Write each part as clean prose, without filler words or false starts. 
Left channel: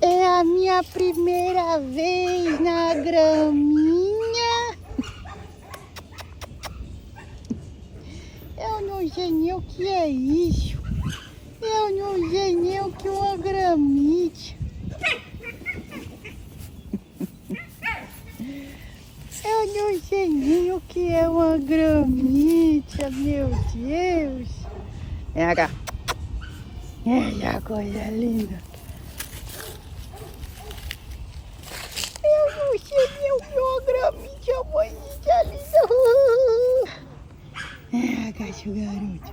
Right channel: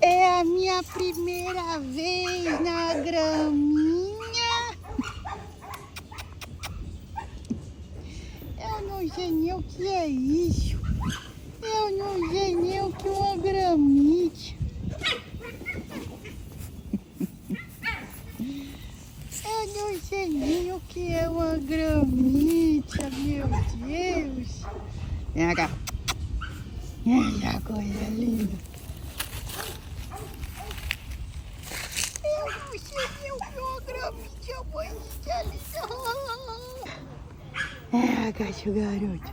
É a minha primeira vez na graminha. Eu não sei nem o que é isso. Eu não sei nem o que é uma gramite. Eu não sei nem o que é uma gramite, meu Deus. Vem cá. Olha, coisa linda. Eu não sei nem o que é uma gramite, a mãezinha linda. Ah, gato garoto.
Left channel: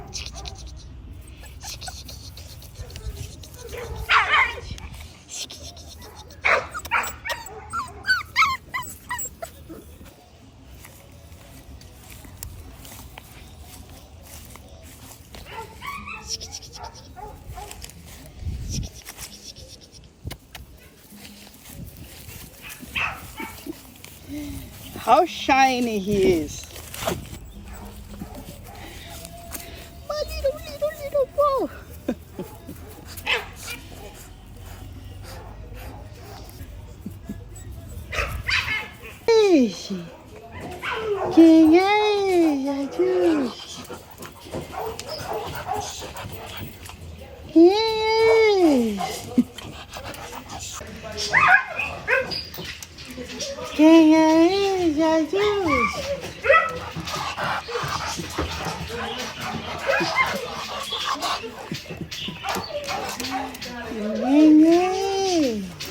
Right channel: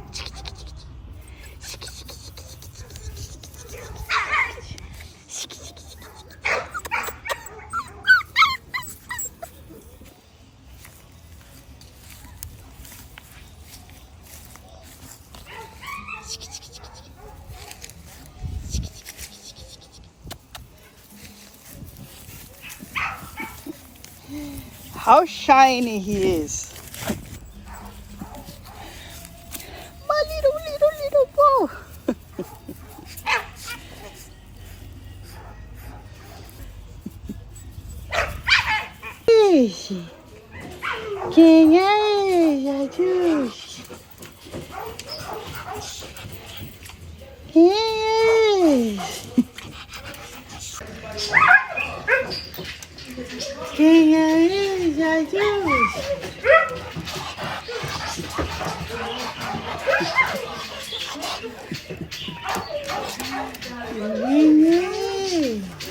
How shiny he is. My little ball. Esse. Quem é, Jesus? Quem é esse? Quem é, Jesus? Quem é?